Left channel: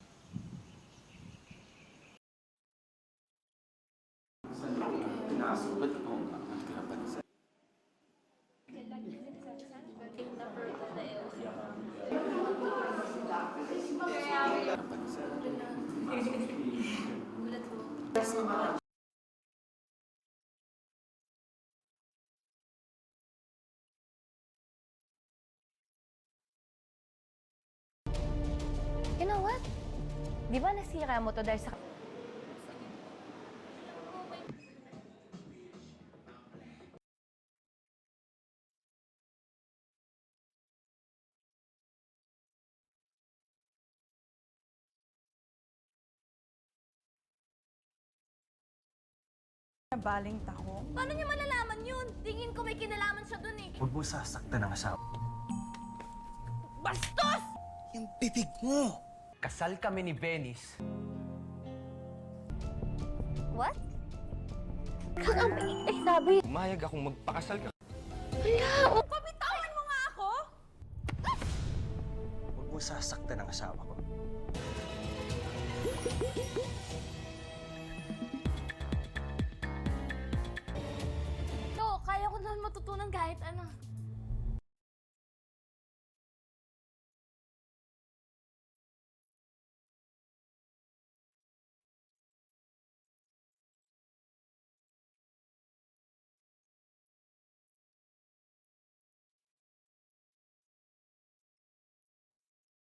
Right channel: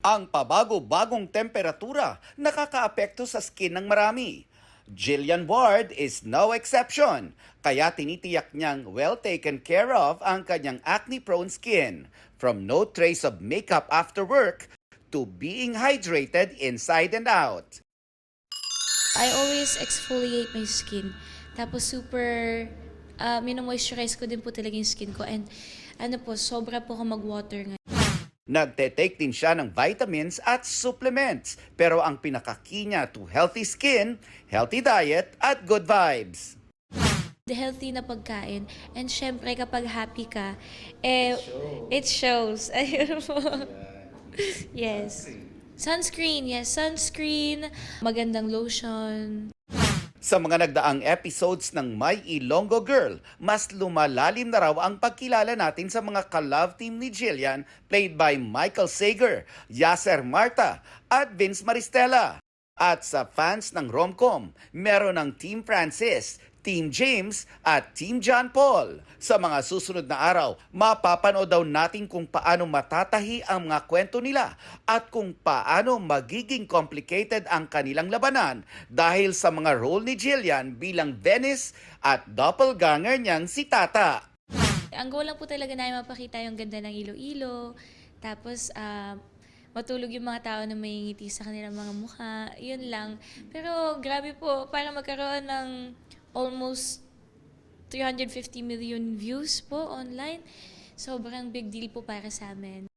Ang pabago-bagong temperatura nakakaapekto sa skin ng marami. Jillian Ward is no exception, kaya tinitiyak niyang well taken care of ang kanyang acne-prone skin. From no trace of makeup after work to being hydrated inside and out. I always exfoliate my skin. Tapos super, mino-moisturize ko din po talaga yung skin ko. And sobra po ako mag-water ngayon. Nagte-take din siya ng vitamins at supplements. Pero ang pinaka-key niya to healthy skin, healthy diet at good vibes. The healthy na pagkain. And syempre kapag happy ka, it shows. Ayun po. Yes. Sunscreen, yes, sunscreen, magandang lotion. Sa mga nagdaang episodes ng My Ilonggo Girl, mas lumalalim na raw ang pagkilala natin sa mga ka-love team ni Jillian played by Michael Sager, Yasser Marta at Vince Maristella. At sa fans ng romcom, meron ng Team Francis, Team James at Team John Paul. Sa mga susunod na araw, mapapanood daw natin kung paano matatahi ang mga kwento nila at kung paano magiging complicated ang kanilang labanan dahil sa mga role ni Jillian bilang Venice at doppelganger niyang si Tata. Ang goal lang po talaga na mapakita yung ganda ng Iloilo. Tapos, matulog yung mga tao na may ngiti sa kanilang mga mukha. Yun lang. Pero grabe po, para magkaroon ng almost 350 million views po online, sobrang big deal po para sa amin.